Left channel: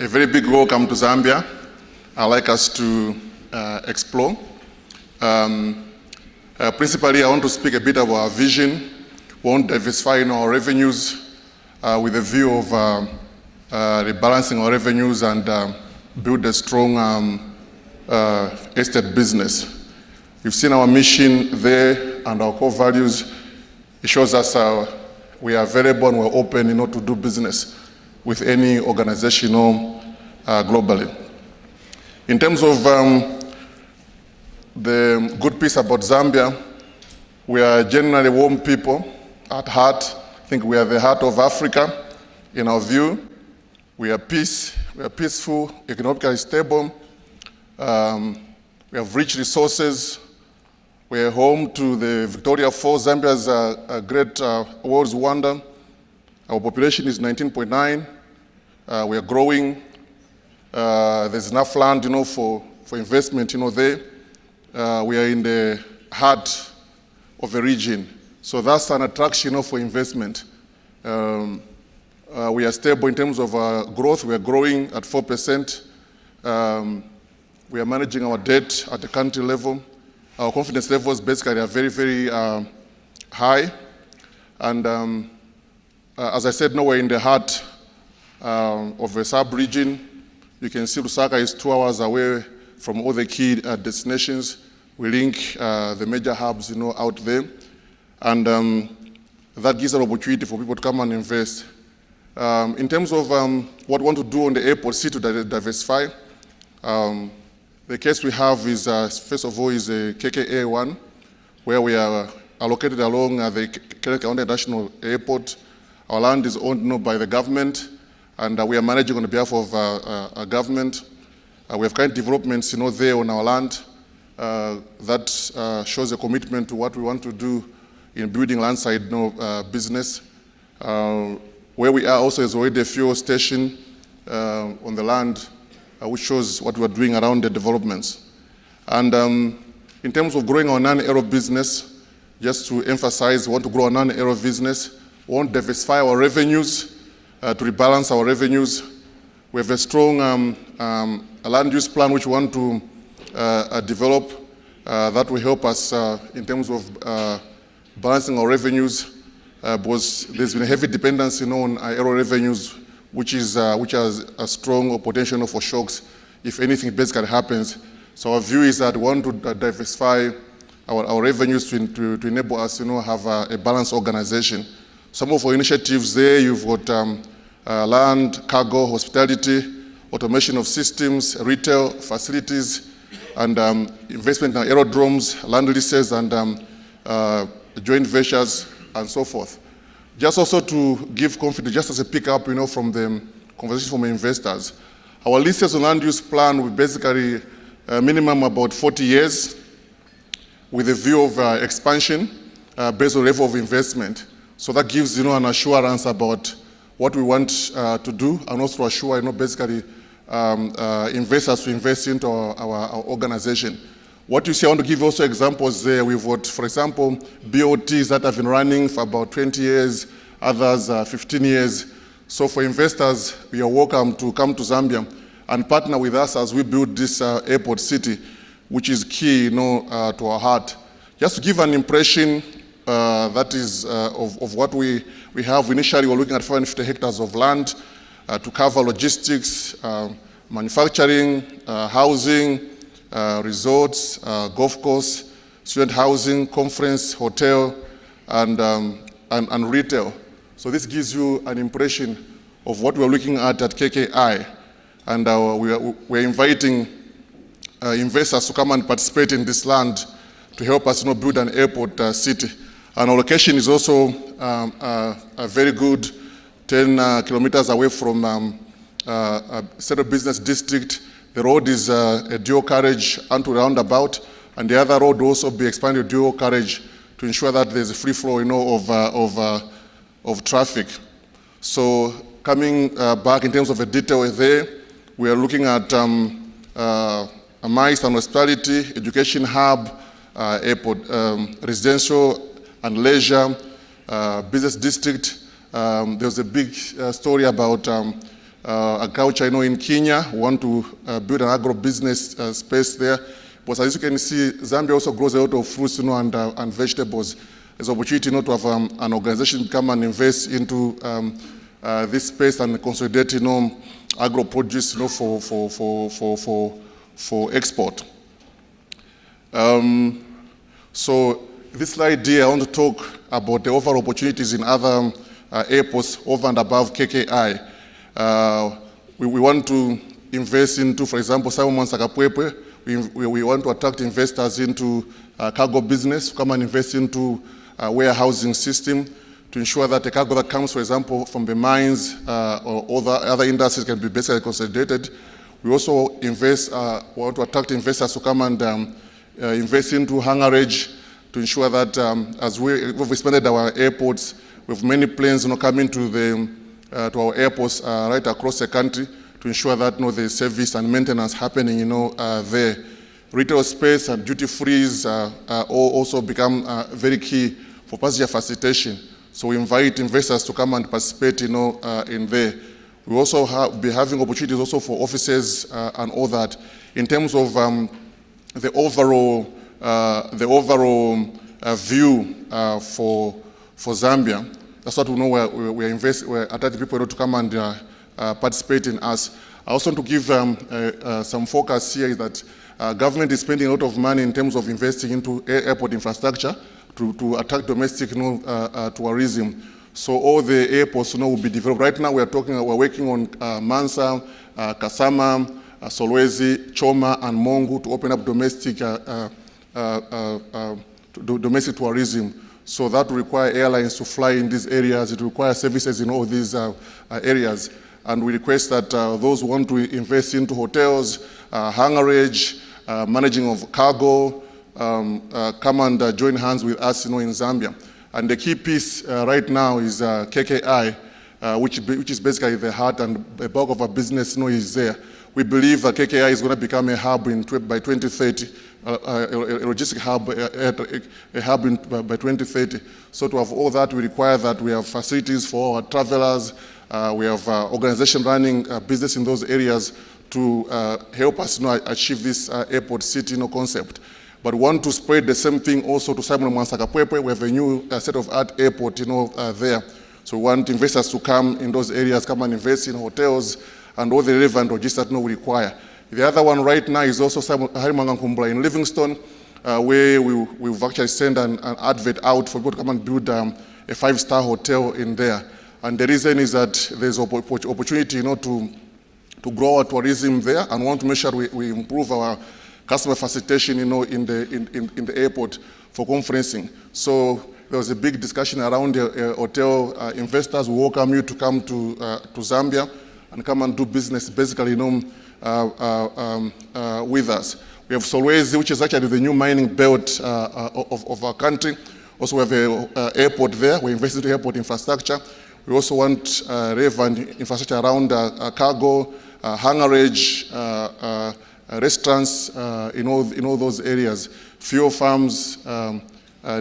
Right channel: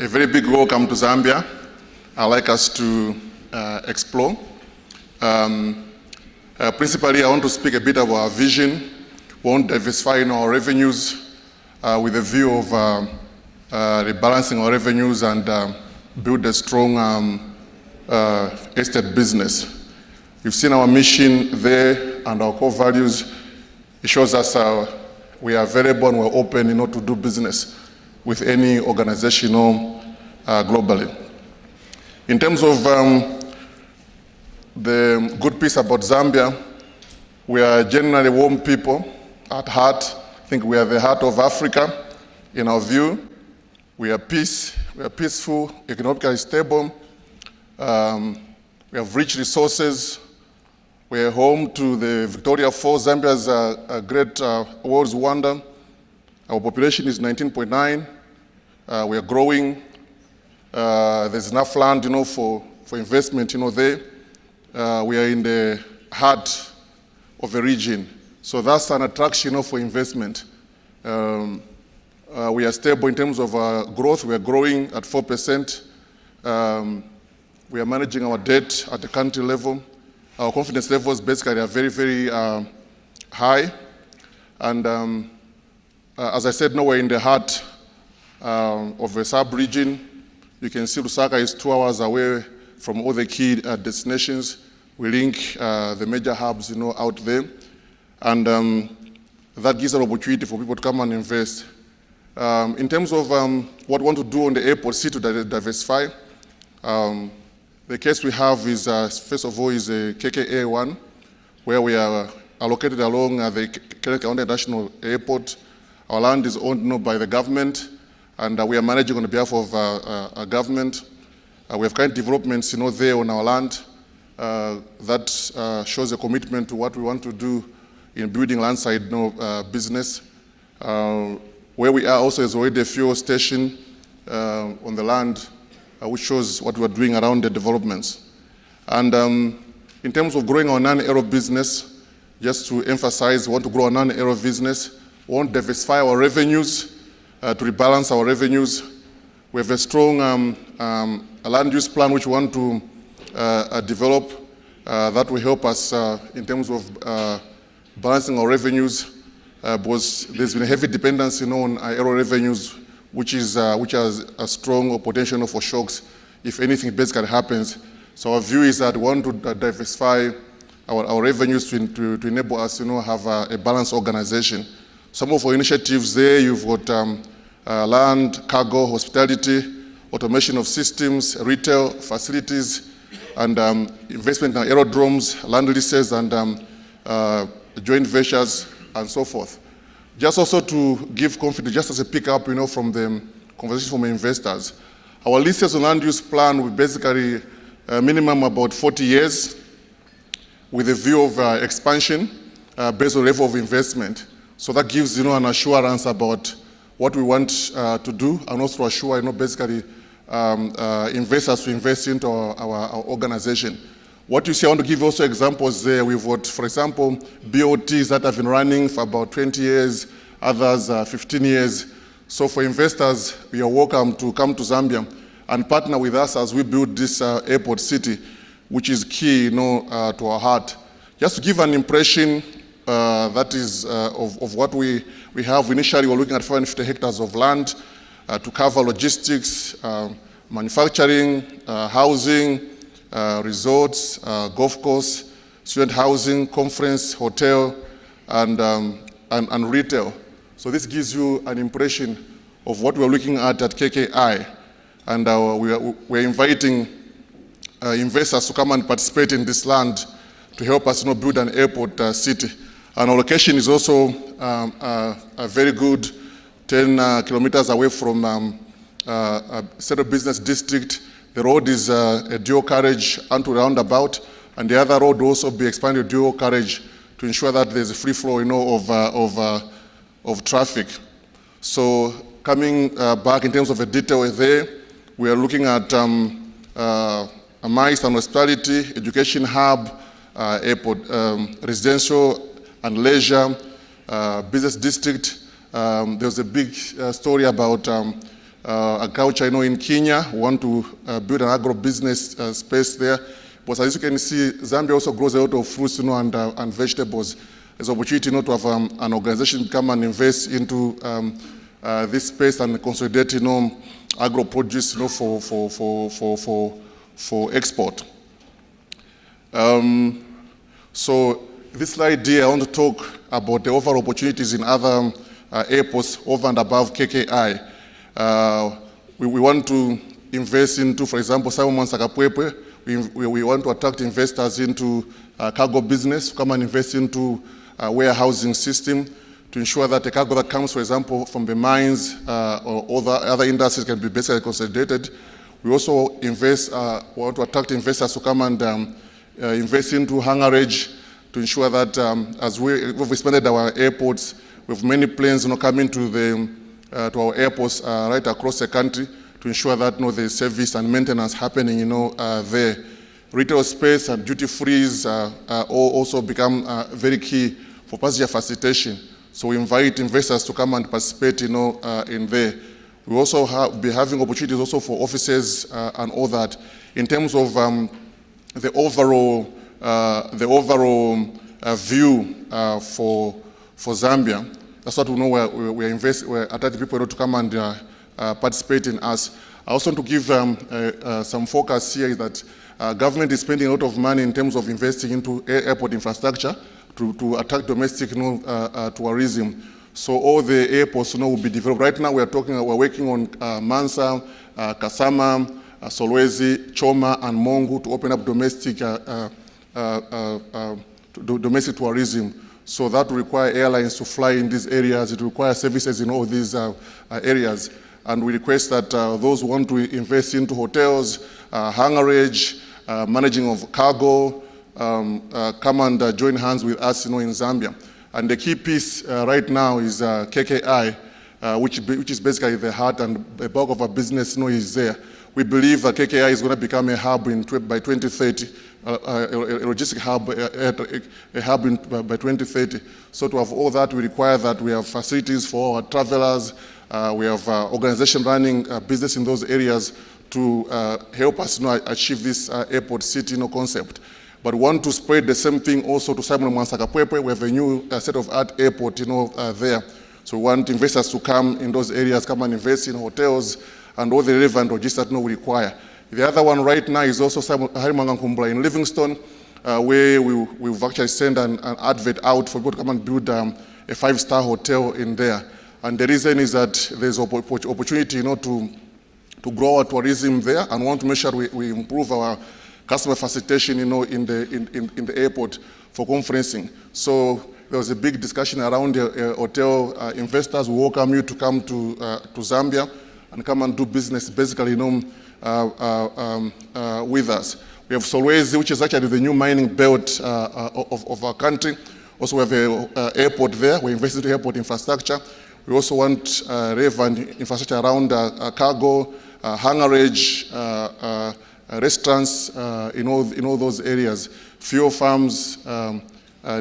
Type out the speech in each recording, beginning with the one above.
A very big welcome to Zambia. I'd like us to explore. Principally, I want to speak a bit of our vision. We want to diversify our revenues with a view of rebalancing our revenues and build a strong estate business. You've seen our mission there and our core values. It shows us we are available and we're open to do business with any organization globally. In terms of the good piece about Zambia, we are generally warm people at heart. I think we are the heart of Africa in our view. We are peaceful, economically stable. We have rich resources. We are home to the Victoria Falls. Zambia is a great world's wonder. Our population is 19.9. We are growing. There's enough land, for investment, there. We are in the heart of the region. So that's an attraction, for investment. We are stable in terms of growth. We are growing at 4%. We are managing our debt at the country level. Our confidence levels basically are very, very high. And as I said, we're in the heart of the sub-region. You can see Lusaka is 2 hours away from all the key destinations. We link the major hubs, out there. And that gives an opportunity for people to come and invest. In terms of what we want to do on the airport city to diversify, the case we have is, first of all, is a KKA1, where we are located along the Kennedy International Airport. Our land is owned by the government, and we are managing on behalf of our government. We have kind developments, there on our land that shows a commitment to what we want to do in building landside business. Where we are also is already a fuel station on the land, which shows what we're doing around the developments. And in terms of growing our non-aero business, just to emphasize, we want to grow our non-aero business. We want to diversify our revenues, to rebalance our revenues. We have a strong land use plan which we want to develop that will help us in terms of balancing our revenues, because there's been a heavy dependency on aero revenues, which has a strong potential for shocks if anything basically happens. So our view is that we want to diversify our revenues to enable us have a balanced organization. Some of our initiatives there, you've got land, cargo, hospitality, automation of systems, retail, facilities, and investment in aerodromes, land leases, and joint ventures, and so forth. Just also to give confidence, just as a pickup, from the conversation from investors. Our leases on land use plan will basically minimum about 40 years with a view of expansion based on level of investment. So that gives, an assurance about what we want to do, and also assure, basically investors to invest into our organization. What you see, I want to give also examples there. We've got, for example, BOTs that have been running for about 20 years, others 15 years. So for investors, you are welcome to come to Zambia and partner with us as we build this airport city, which is key, to our heart. Just to give an impression that is of what we have. Initially, we're looking at 550 hectares of land to cover logistics, manufacturing, housing, resorts, golf course, student housing, conference, hotel, and retail. So this gives you an impression of what we're looking at KKI. And we're inviting investors to come and participate in this land to help us build an airport city. And our location is also a very good 10 kilometers away from a central business district. The road is a dual carriage onto roundabout, and the other road will also be expanded dual carriage to ensure that there's a free flow, of traffic. So coming back in terms of the detail there, we are looking at a MICE and hospitality, education hub, airport, residential and leisure, business district. There's a big story about agriculture, in Kenya. We want to build an agro-business space there. But as you can see, Zambia also grows a lot of fruits, and vegetables. There's an opportunity, to have an organization come and invest into this space and consolidate, agro-produce, for export. So this slide here, I want to talk about the overall opportunities in other airports over and above KKI. We want to invest into, for example, Simon Sakapwepwe. We want to attract investors into cargo business, come and invest into warehousing system to ensure that the cargo that comes, for example, from the mines or other industries can be basically consolidated. We also want to attract investors to come and invest into hangarage to ensure that as we've expanded our airports, with many planes coming to our airports right across the country to ensure that the service and maintenance happening there. Retail space and duty frees also become very key for passenger facilitation. So we invite investors to come and participate in there. We also be having opportunities also for offices and all that. In terms of the overall view for Zambia, that's what we know we're attracting people to come and participate in us. I also want to give some focus here is that government is spending a lot of money in terms of investing into airport infrastructure to attract domestic tourism. So all the airports will be developed. Right now we're working on Mansa, Kasama, Solwezi, Choma, and Mongu to open up domestic tourism. So that will require airlines to fly in these areas. It requires services in all these areas. And we request that those who want to invest into hotels, hangarage, managing of cargo, come and join hands with us in Zambia. And the key piece right now is KKI, which is basically the heart and the bulk of our business is there. We believe that KKI is going to become a hub by 2030, a logistic hub, by 2030. So to have all that, we require that we have facilities for our travelers, we have organization running business in those areas to help us achieve this airport city concept. But we want to spread the same thing also to Simon Sakapwepwe. We have a new state-of-art airport there. So we want investors to come in those areas, come and invest in hotels and all the relevant logistics that we require. The other one right now is also Harimangankumbula in Livingstone, where we've actually sent an advert out for people to come and build a 5-star hotel in there. And the reason is that there's opportunity to grow our tourism there, and want to make sure we improve our customer facilitation in the airport for conferencing. So there was a big discussion around hotel investors. We welcome you to come to Zambia and come and do business basically with us. We have Solwezi, which is actually the new mining belt of our country. Also we have an airport there. We invest into airport infrastructure. We also want relevant infrastructure around cargo, hangarage, restaurants in all those areas. Fuel farms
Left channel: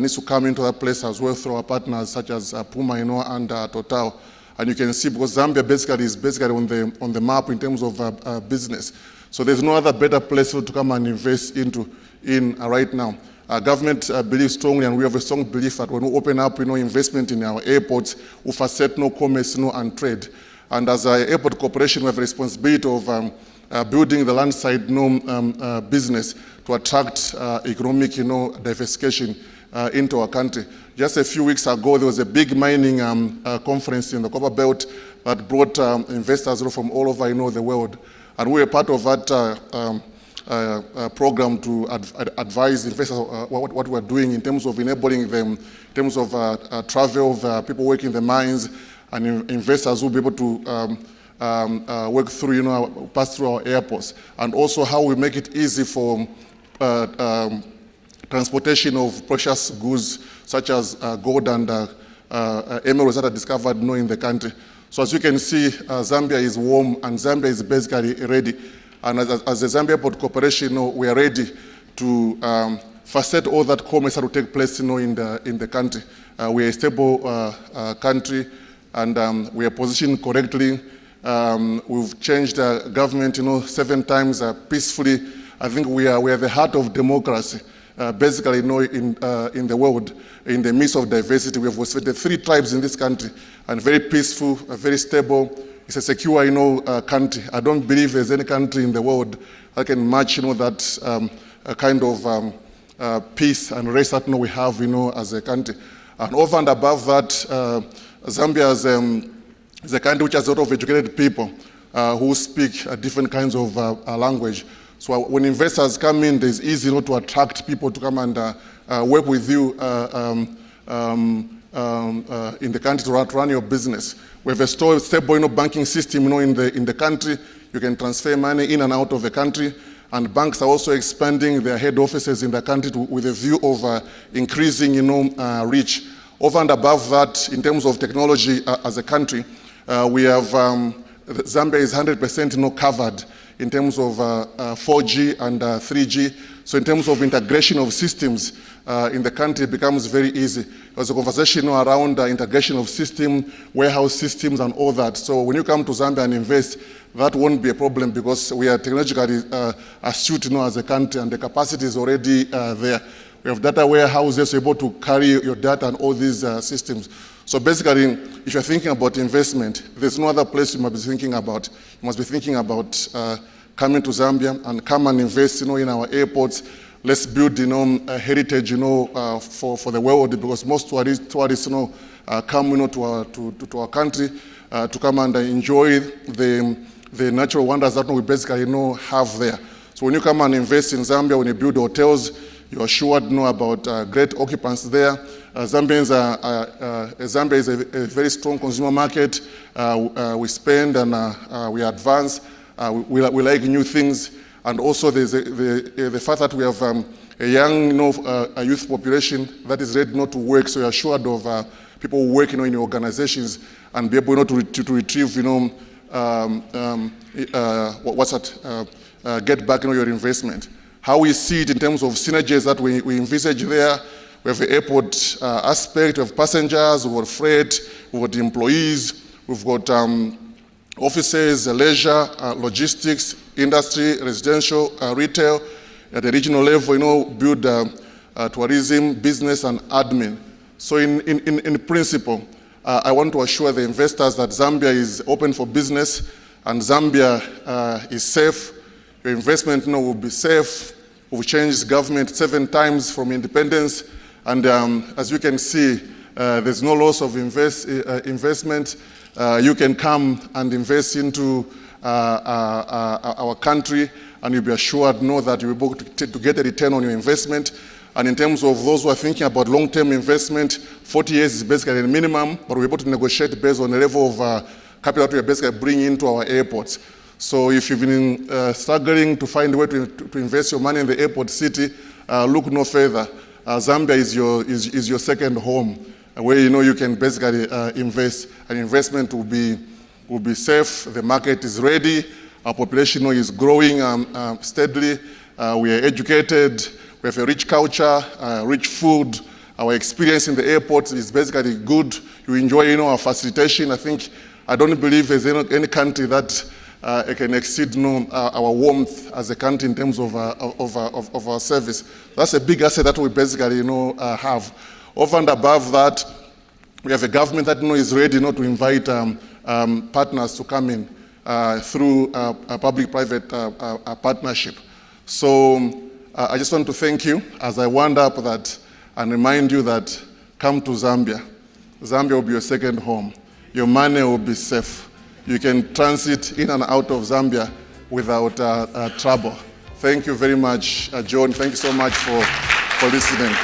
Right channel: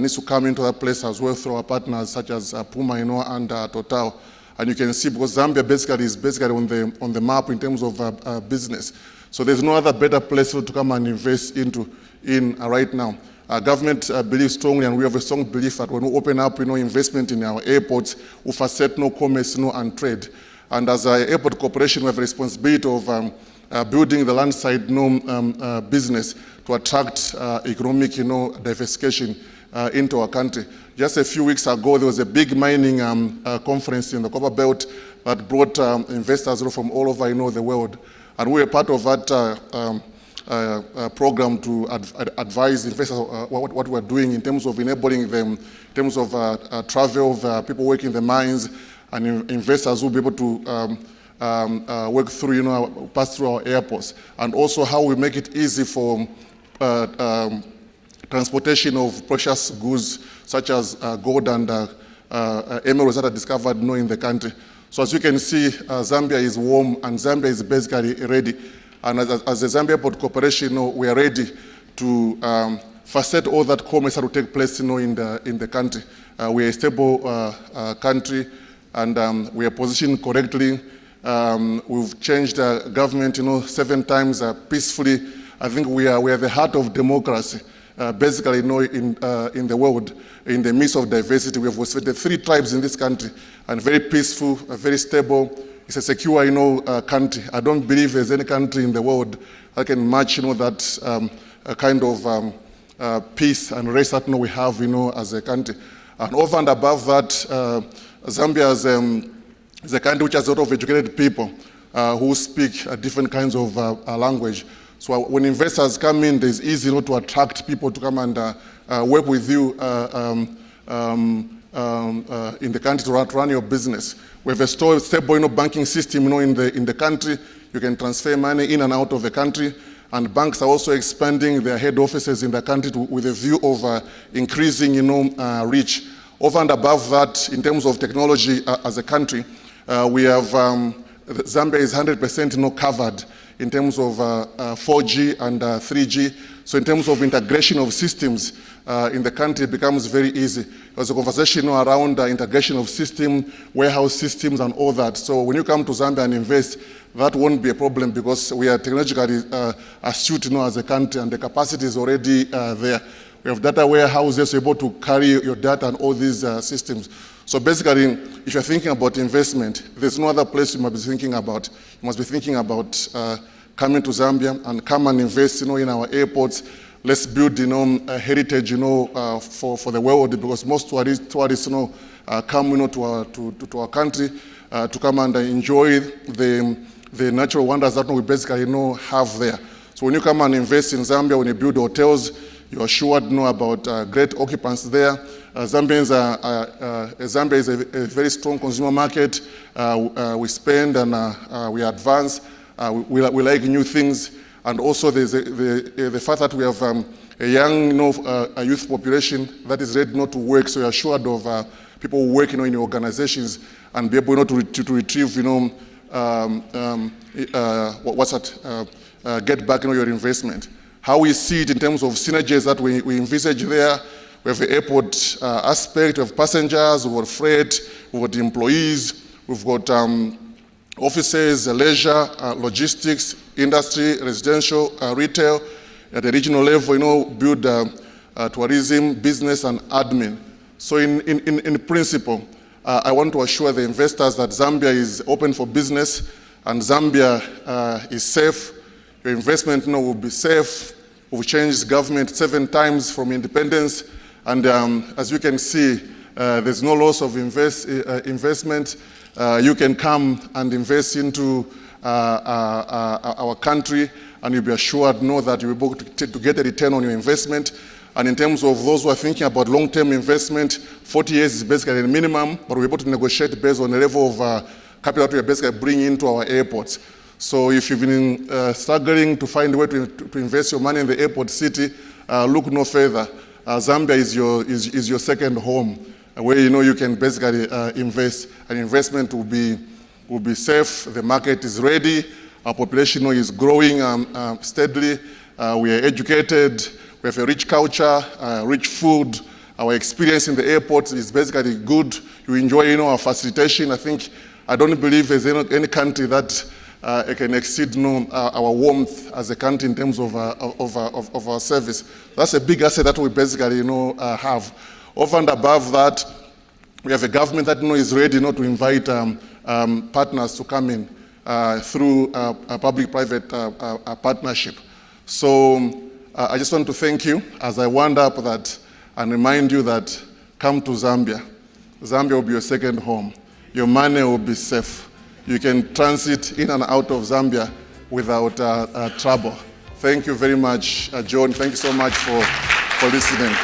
needs to come into that place as well through our partners such as Puma and Total. And you can see because Zambia is basically on the map in terms of business. So there's no other better place to come and invest in right now. Our government believes strongly, and we have a strong belief that when we open up investment in our airports, we facilitate commerce and trade. And as an airport corporation, we have a responsibility of building the landside business to attract economic diversification into our country. Just a few weeks ago, there was a big mining conference in the Copper Belt that brought investors from all over the world. And we were part of that program to advise investors what we're doing in terms of enabling them, in terms of travel of people working in the mines, and investors will be able to work through, pass through our airports. And also how we make it easy for transportation of precious goods such as gold and emeralds that are discovered in the country. So as you can see, Zambia is warm and Zambia is basically ready. And as the Zambia Airport Corporation, we are ready to facilitate all that commerce that will take place in the country. We are a stable country, and we are positioned correctly. We've changed government, 7 times peacefully. I think we are the heart of democracy, basically, in the world, in the midst of diversity. We have the 3 tribes in this country, and very peaceful, very stable. It's a secure, country. I don't believe there's any country in the world that can match, that kind of peace and rest that we have, as a country. And over and above that, Zambia is a country which has a lot of educated people who speak different kinds of language. So when investors come in, it's easy to attract people to come and work with you in the country to run your business. We have a stable banking system in the country. You can transfer money in and out of the country. And banks are also expanding their head offices in the country with a view of increasing reach. Over and above that, in terms of technology as a country, we have, Zambia is 100% covered in terms of 4G and 3G. So in terms of integration of systems in the country, it becomes very easy. There's a conversation around integration of system, warehouse systems and all that. So when you come to Zambia and invest, that won't be a problem because we are technologically astute as a country, and the capacity is already there. We have data warehouses able to carry your data and all these systems. So basically, if you're thinking about investment, there's no other place you must be thinking about. You must be thinking about coming to Zambia and come and invest, in our airports. Let's build, a heritage, for the world, because most tourists, come, to our country to come and enjoy the natural wonders that we basically, have there. So when you come and invest in Zambia, when you build hotels, you are sure to know about great occupancy there. Zambia is a very strong consumer market. We spend and we advance. We like new things. And also there's the fact that we have a young a youth population that is ready not to work. So you're assured of people working in your organizations and be able to retrieve, get back your investment. How we see it in terms of synergies that we envisage there. We have the airport aspect, we have passengers, we've got freight, we've got employees, we've got offices, leisure, logistics, industry, residential, retail. At the regional level, build tourism, business, and admin. So in principle, I want to assure the investors that Zambia is open for business and Zambia is safe. Your investment will be safe. We've changed government 7 times from independence. And as you can see, there's no loss of investment. You can come and invest into our country, and you'll be assured that you'll be able to get a return on your investment. And in terms of those who are thinking about long-term investment, 40 years is basically the minimum, but we're able to negotiate based on the level of capital that we basically bring into our airports. So if you've been struggling to find a way to invest your money in the airport city, look no further. Zambia is your second home, where you can basically invest. An investment will be safe. The market is ready. Our population is growing steadily. We are educated. We have a rich culture, rich food. Our experience in the airport is basically good. You enjoy, our facilitation. I don't believe there's any country that can exceed, our warmth as a country in terms of our service. That's a big asset that we basically, have. Over and above that, we have a government that is ready to invite partners to come in through a public-private partnership. So I just want to thank you as I wind up that and remind you that come to Zambia. Zambia will be your second home. Your money will be safe. You can transit in and out of Zambia without trouble. Thank you very much, John. Thank you so much for listening.